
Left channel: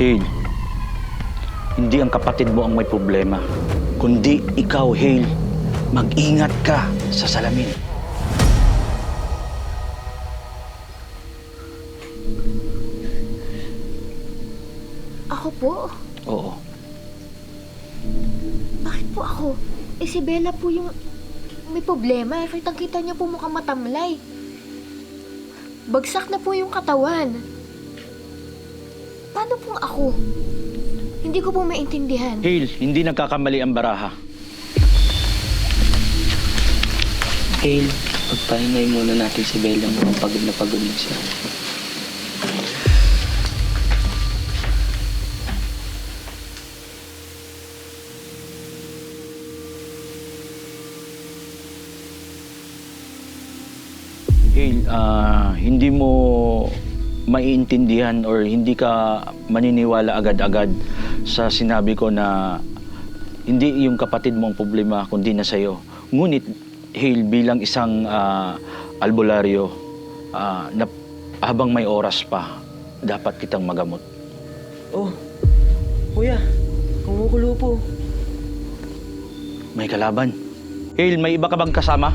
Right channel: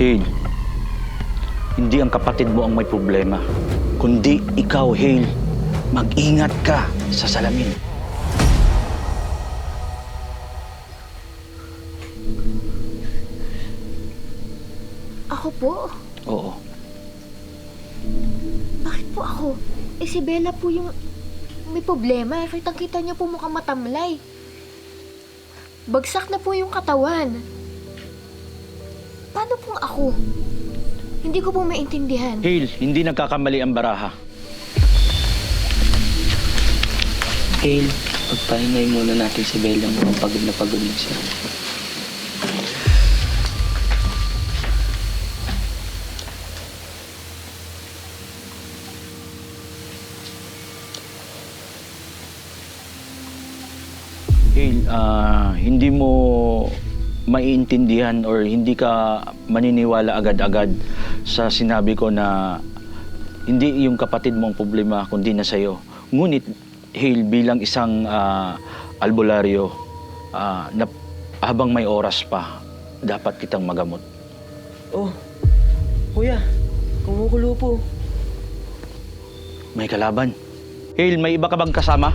Hale, hindi ang kapatid mo ang may problema, kundi ikaw, Hale. Mag-ingat ka sa salamin. Ako po? Oo. Bakit po ako? Si Bella po yung may problema. Kitang-kita niya po mukhang matamlay. Bagsak na po yung katawan. Paano pong ako? Hindi ko po maintindihan. Hale, hindi nagkakamali ang baraha. Hale, pagpahingay muna natin si Bella. Mukhang pagod na siya. Hale, hindi mo maiintindihan or hindi ka maniniwala agad-agad sa sinabi ko na hindi yung kapatid mo ang problema kundi na sa'yo. Ngunit, Hale, bilang isang albularyo, na habang may oras pa, dapat kitang magamot. Oh, kuya, kumukulo po. May kalaban. Hale, may iba ka bang kasama?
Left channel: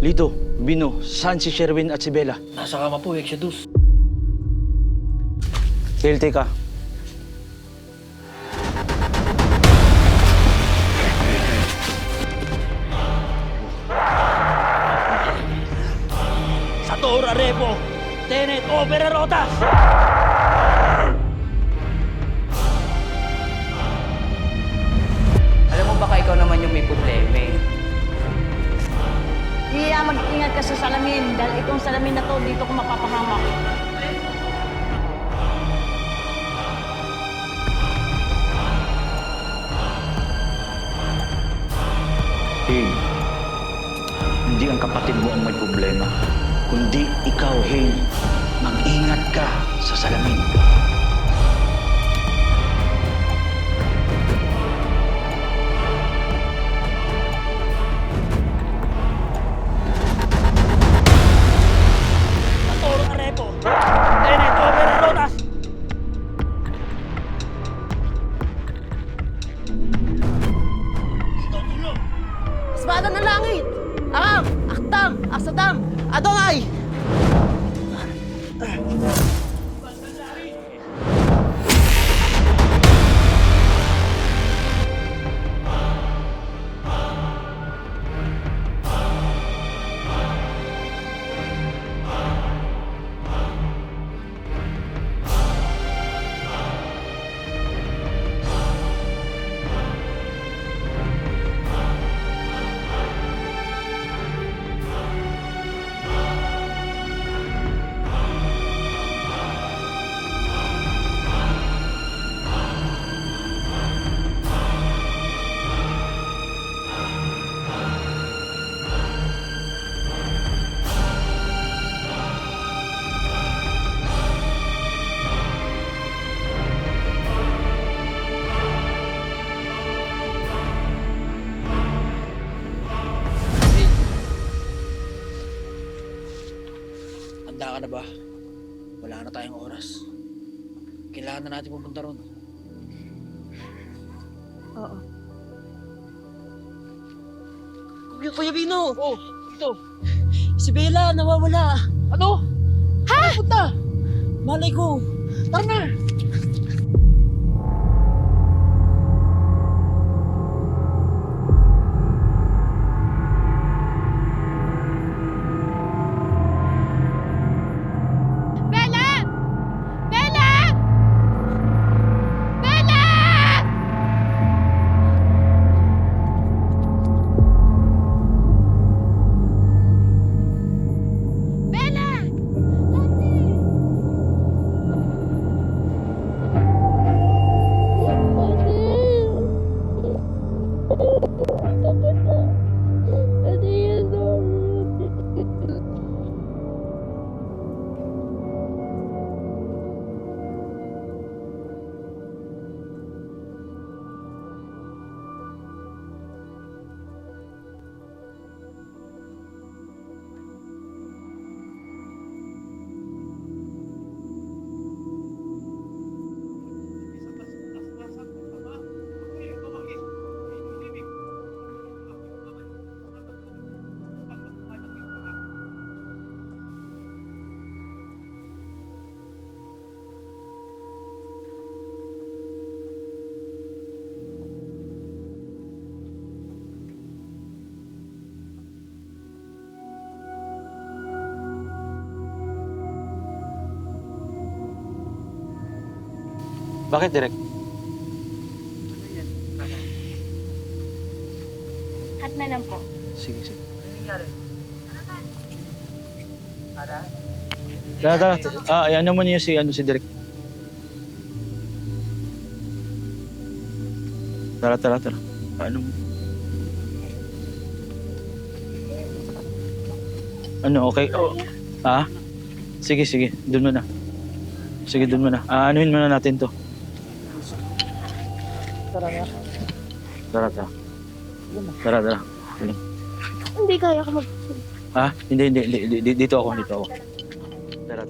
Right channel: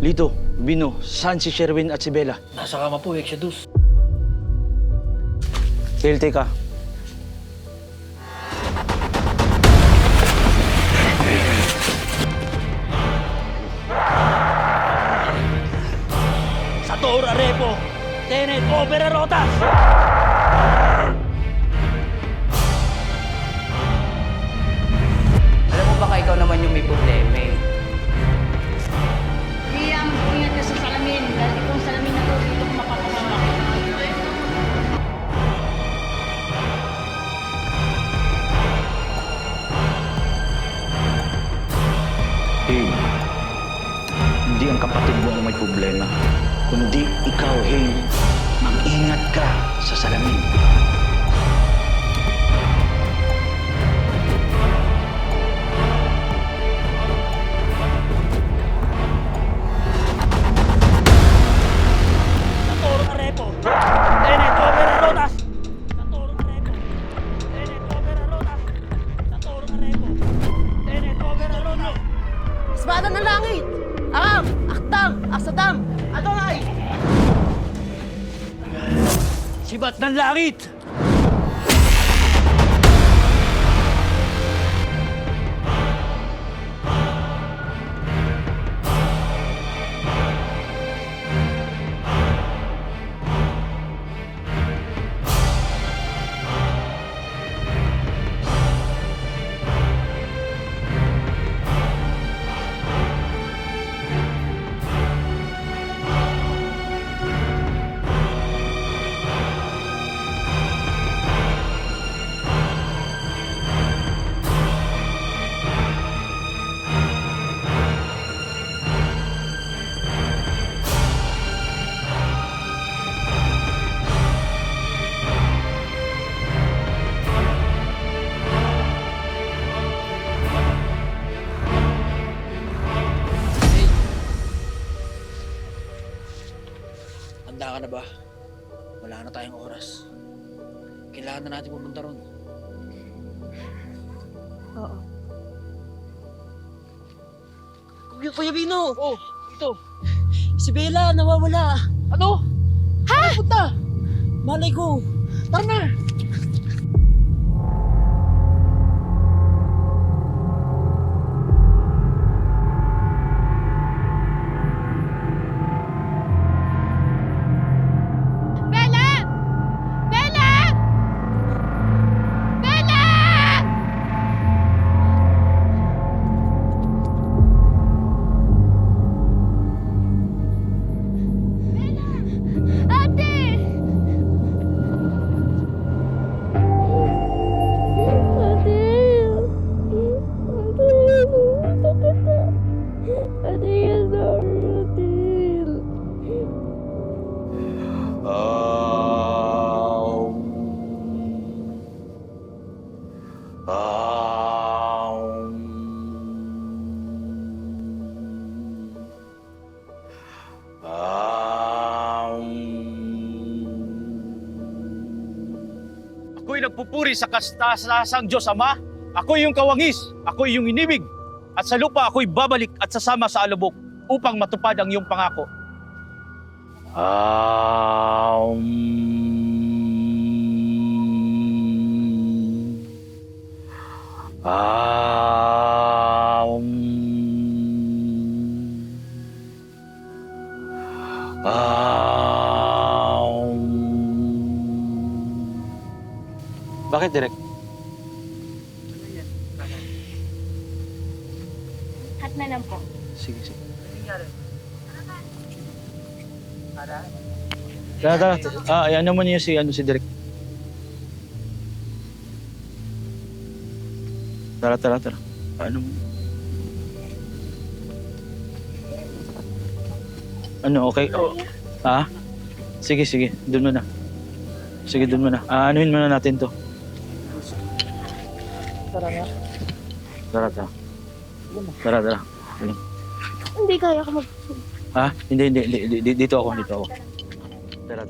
Lito, Bino, saan si Sherwin at si Bella? Nasa kama po, Exodus. Hale, teka. Sator Arepo, Tenet Opera Rotas! Alam mo baka ikaw naman yung may problema eh. Kaya mag-ingat ka sa salamin dahil itong salamin na to dito ko mapapahamak. Hale, hindi ang kapatid mo ang may problema, kundi ikaw, Hale. Mag-ingat ka sa salamin. Sator Arepo, Tenet Opera Rotas! Espada ng langit! Aram! Aktam! Aksadam! Adonai! Sibat ng langit! Handa ka na ba? Wala na tayong oras. Kailangan na natin pumunta ron. Oo. Kuya Bino! Oh, ito. Si Bella, nawawala. Ano? Ha? Punta! Malay ko. Tara na! Bella! Bella! Bella! Bella! Ate! Ako'y nagpupuri sa kastasang Diyos Ama. Ako'y yung kawangis. Ako'y yung inibig. At sa lupa ako'y babalik at sasama sa alubok upang matupad ang iyong pangako. Bakit, Direk? Cut na lang po. Sige, sige. Tara. Ano mo niyo si Direk. Tara. Okay? Sige. Doon muna. Sige, doon muna. Anuhin muna natin to. Tara. Hindi kaya ka mag... Hindi. Dito ako. Tara.